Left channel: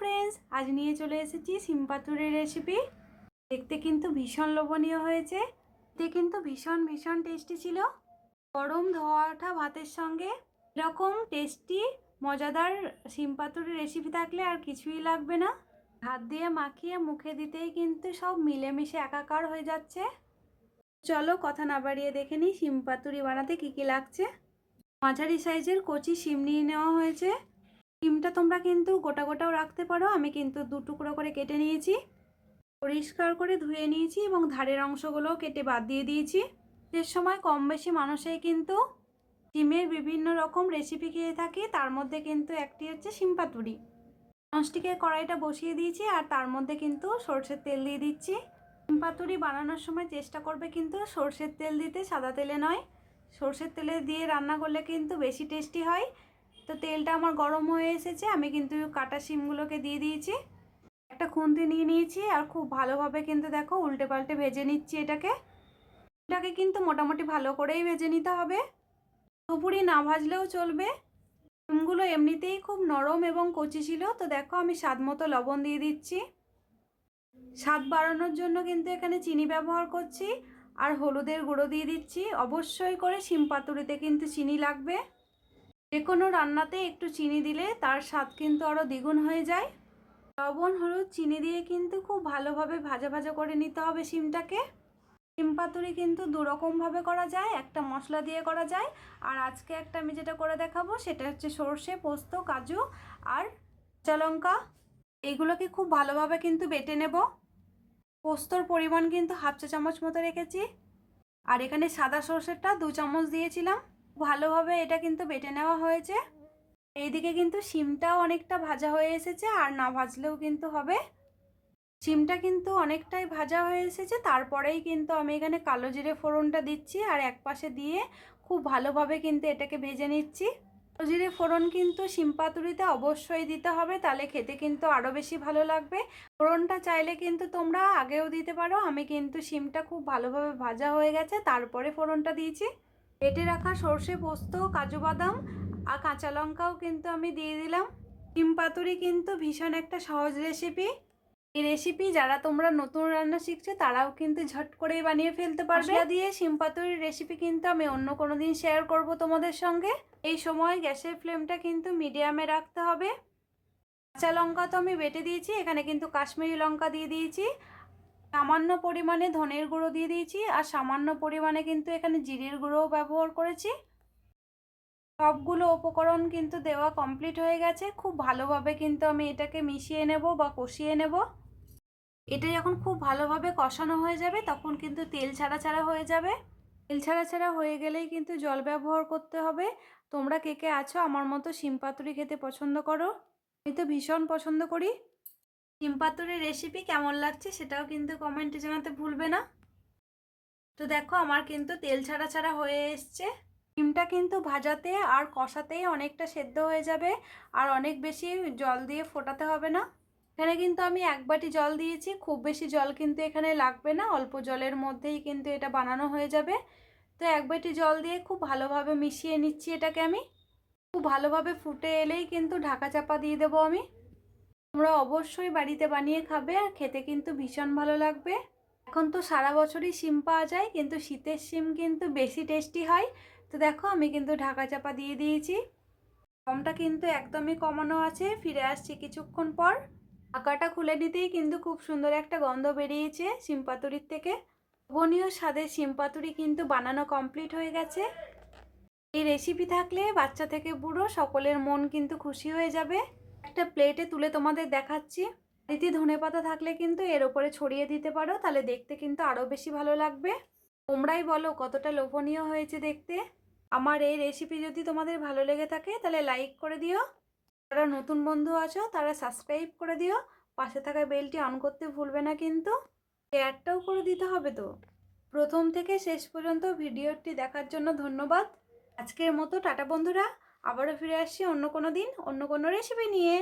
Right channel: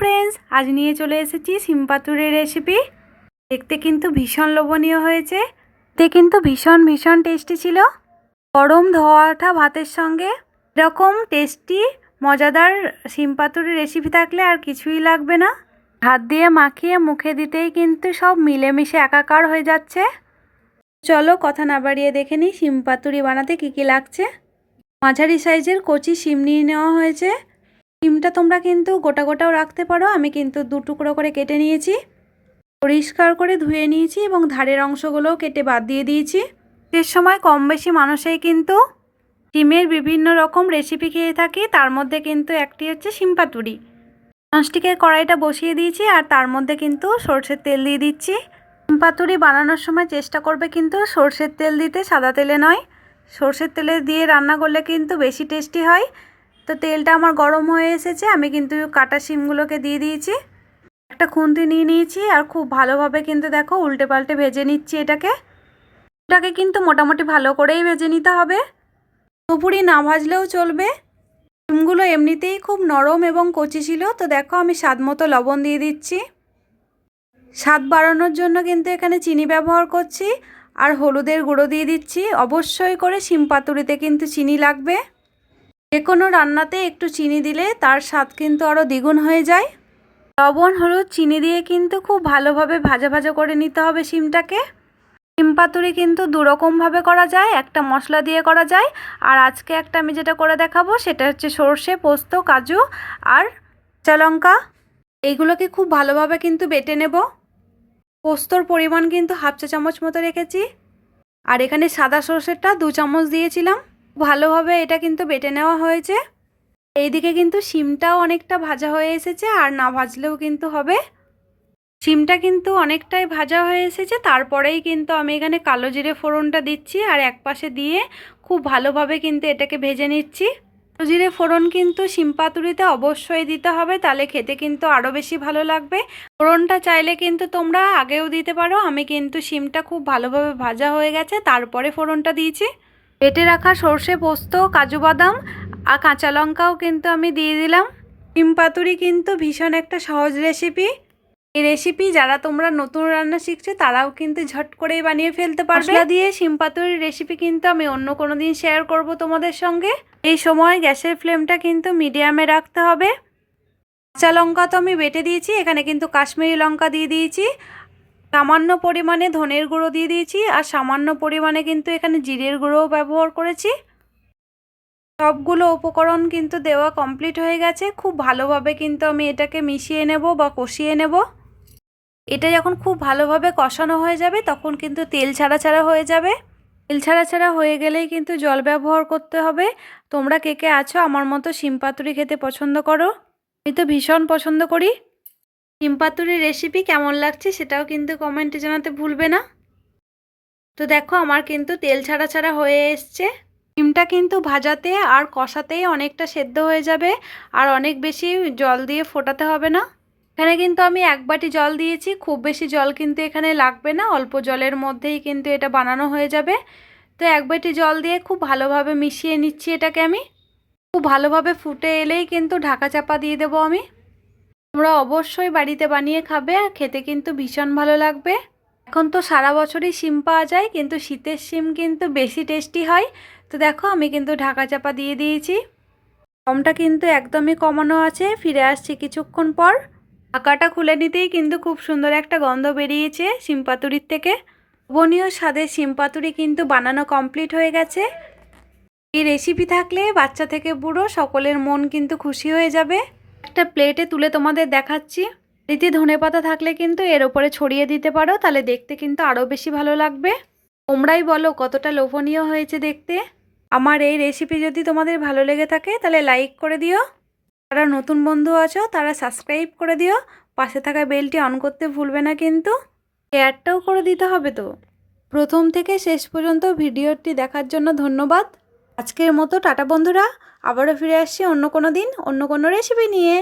Friends আজ নিয়ে চলে এসেছি সিম্পাতুরের রেসিপি দেখতে কিন্তু ভীষণ লোভনীয় হয়েছে। তে কিন্তু ভীষণ ভীষণ টেস্টি ছিল। গরম ধোয়া ওঠা ভাতের সঙ্গে। এরকম টেস্টি মজাদার সিম্পাতুরের রেসিপি থাকলে আর কিছুই লাগবে না। হাত দিয়ে মাখিয়ে মুখে দিতেই কিন্তু সব মিলেমিশে একাকার হয়ে যাচ্ছে। চলো কথা না বাড়িয়ে দেখে নিই শিম পাতুরি বানাতে কী কী লাগছে। মাঝারি সাইজের কচি শিম নিয়ে নেওয়া হয়েছে। শিমটা তোমরা কিন্তু গোটা গোটাও রাখতে পারো। আমি কিন্তু দু টুকরো করে কেটে নিয়েছি। পরিষ্কার করে ধুয়ে নিয়েছি এবং ধারের অংশগুলোও কেটে বাদ দিয়ে দিয়েছি। এর সময় কম বেশি মানুষেই কিন্তু ডিমের বিভিন্ন রকম রেসিপি খেয়ে থাকি। তার মধ্যে কিন্তু একটি হচ্ছে শিম পাতুরি। ননস্টিকের কড়াইটা বসিয়ে দিয়েছি আর তার মধ্যে কিন্তু সর্ষের তেল দিয়ে দিচ্ছি। পাতুরি বানানোর সময় চেষ্টা করবে কিন্তু সর্ষের তেল দিতে সাদা তেলে নয়। সর্ষের তেলে দিয়ে রান্না করলে কিন্তু বেশি টেস্টি হয়। তো তেলটা আমার গরম হয়ে এসেছে, আমি কিন্তু কাটা শিমগুলোকে দিয়ে দিয়েছি। একটা খুন্তি নিয়ে নিয়েছি আর খুব ভালোভাবে কিন্তু দেখো উল্টে পাল্টে ভেজে নিচ্ছি এটাকে। এটাকে কিন্তু মোটামুটি ভালো করেই ভেজে নিতে হবে। পুরোপুরি না ভাজলেও চলবে। শিমগুলো এমনিতেই খুব নরম এবং কচি ছিল, তো দেখো আমি স্বাদ মতো লবণ দিয়ে দিচ্ছি। স্বাদ বাড়ানোর জন্য কিন্তু এখানে চিনি ব্যবহার করছি, আর হলুদের গুঁড়ো দিয়ে দিচ্ছি। অবশ্যই করে শিম পাতুরিতে কিন্তু চিনি লাগবে। যে কোনো রান্নাতে একটু চিনি দিলে তার স্বাদ কিন্তু আরও দ্বিগুণ হয়ে যায়। লবণ, হলুদ, চিনি দিয়ে কিন্তু খুব ভালোভাবে ভাজা ভাজা করে নিতে হবে শিমটাকে। শিম পাতুরি কিন্তু দুরকমভাবে করা যায়, একটা মশলা দিয়ে করা যায়। আর আজকে একটা আমি যেটা করে দেখাবো সেটা হচ্ছে সর্ষে, পোস্ত, কাজু আর লঙ্কা। এইগুলোকে খুব ভালোভাবে কিন্তু বেটে নেব। পোস্তর পরিমাণ কিন্তু হাফ চা চামচ মতো রেখেছি। আর এখানে সাদা সর্ষেরটা দু চামচ দিয়েছিলাম। ভালোভাবে এটা কিন্তু বেটে নেওয়া হয়েছে। এইদিকে কিন্তু শিমটাও অনেকটা ভাজা হয়ে এসেছে আর না ভাজলেও কিন্তু হবে। শিমটা কিন্তু অনেকটাই ভাজা হয়ে এসেছে, তারপরেই কিন্তু আমি এখানে কালো জিরে ফোড়নটা দিচ্ছি আর এক পাশে দিয়ে খুব ভালোভাবে কিন্তু এটাকে ভেজে নিচ্ছি। কালো জিরে ফোড়ন কিন্তু শিম পাতুরিতে অবশ্যই দিতে হবে, তাহলে খেতে কিন্তু আরও বেশি ভালো লাগবে। ফোড়নটা চাইলে কিন্তু তোমরা আগেও দিতে পারো, আমি কিন্তু শিমটা খুব ভালোভাবে ভাজা হয়ে গেছে, তারপরে ফোড়নটা দিয়েছি। বেটে রাখা সর্ষে, পোস্ত, কাজু বাদাম আর কাঁচা লঙ্কাও কিন্তু আমি দিয়ে দিলাম। শিম পাতুরি কিন্তু ভীষণ একটা সহজ রেসিপি এই রেসিপি যারা তোমরা নতুন রান্না শিখছো, তারাও কিন্তু ঝট করেই বানিয়ে ফেলতে পারবে। মশলা দিয়ে শিম পাতুরির রেসিপি কিন্তু আমি অন্য কোনো দিন শেয়ার করব তোমাদের সঙ্গে। এই সময় গ্যাসের ফ্লেমটা কিন্তু মিডিয়ামে রাখতে হবে। কাঁচা লঙ্কা তো আমি বেটে দিয়েছি, এখানে কিন্তু কাশ্মীরি লঙ্কা দিয়ে দিয়েছি। সামান্য পরিমাণে ধনের গুঁড়ো দিয়ে দিয়েছি আর সামান্য পরিমাণে কিন্তু এখানে জিরের গুঁড়োও ব্যবহার করেছি। সবগুলো উপকরণ কিন্তু দেওয়া কমপ্লিট হয়ে গেছে। খুব ভালোভাবে কিন্তু আমি এটাকে মিশিয়ে নেব বা কষিয়ে নেব। এটা যখন খুব ভালোভাবে কষানো হয়ে যাবে তখন কিন্তু তেল ছাড়া ছাড়া হয়ে যাবে। তেল ছাড়া ছাড়া হয়ে গেলেই কিন্তু জল ব্যবহার করতে হবে। তোমরা কে কে আছো আমার মতো শিম পাতুরি খেতে পছন্দ করো। আমি তো ভীষণ পছন্দ করি। শিম পাতুরির রেসিপি কেমন লাগছে সেটাও কিন্তু কমেন্টে জানাতে ভুলবে না। তো দেখো আমার কিন্তু তেল ছাড়া ছাড়া হয়ে এসছে। ডিমটা কিন্তু ভাজাতে আর কষাতেই অনেকটা সেদ্ধ হয়ে যাবে আর অনেক বেশি জল দিয়ে ফোটাতে হবে না। এখানে কিন্তু আমি এক বাটি জল দিয়েছি, খুব বেশি জল কিন্তু এখানে লাগবে না, অল্প জলের মধ্যেই কিন্তু এটা বানানো হয়ে যাবে। তো এক বাটি জল দিয়ে খুব ভালোভাবে মিশিয়ে নিচ্ছি এটাকে আমি। খুব ভালোভাবে ফুটে এলেই কিন্তু ঢাকা চাপা দিয়ে দেবো আমি। তোমরা অবশ্যই বাড়িতে বানিয়ে খাবে, আর খেতে কিন্তু ভীষণ ভালো লাগবে। এখন তো সারা বছরই শিম পাওয়া যায়, কিন্তু শীতের শিম কিন্তু বেশি টেস্টি হয়। তো দেখো, আমি কিন্তু ঢাকা চাপা দিয়ে দিয়েছি। দমটা কিন্তু একদমই কমানো আছে, ফিরে আসছি কিছুক্ষণ পর। আঁকাটা খুলে নিতেই কিন্তু খুব সুন্দর একটা গন্ধ বেরিয়েছে শিমপাতুরির থেকে। বনীয় স্বাদের শিমপাতুরি কিন্তু বানানো কমপ্লিট হয়ে গেছে। এই রেসিপি থাকলে বাচ্চা থেকে বুড়ো সকলের মন কিন্তু খুশি হয়ে যাবে। একটা প্লেটে তুলে তোমাদের দেখাচ্ছি। এতে ধনে পাতা থাকলে কিন্তু এর ওপরে ছড়িয়ে দিতে পারো, তাহলে দেখতে কিন্তু আরও বেশি ভালো লাগবে। তোমরাই বলো কতটা লোভনীয় হয়েছে দেখতে। আমার এই রেসিপি যদি তোমাদের ভালো লেগে থাকে, তাহলে লাইক করে দিও। যারা নতুন বন্ধু আছো, তারা সাবস্ক্রাইব করে দিও। পাশে থাকা বেলটি অন করতে ভুলবে না কিন্তু। শেয়ারটাও করে দিতে হবে তো। প্রথম থেকে শেষ পর্যন্ত ভিডিওটি দেখার জন্য ধন্যবাদ। আজকের মতো টাটা বন্ধুরা। আবারও ফিরে আসছি অন্য কোনো দিন অন্য কোনো রেসিপি নিয়ে।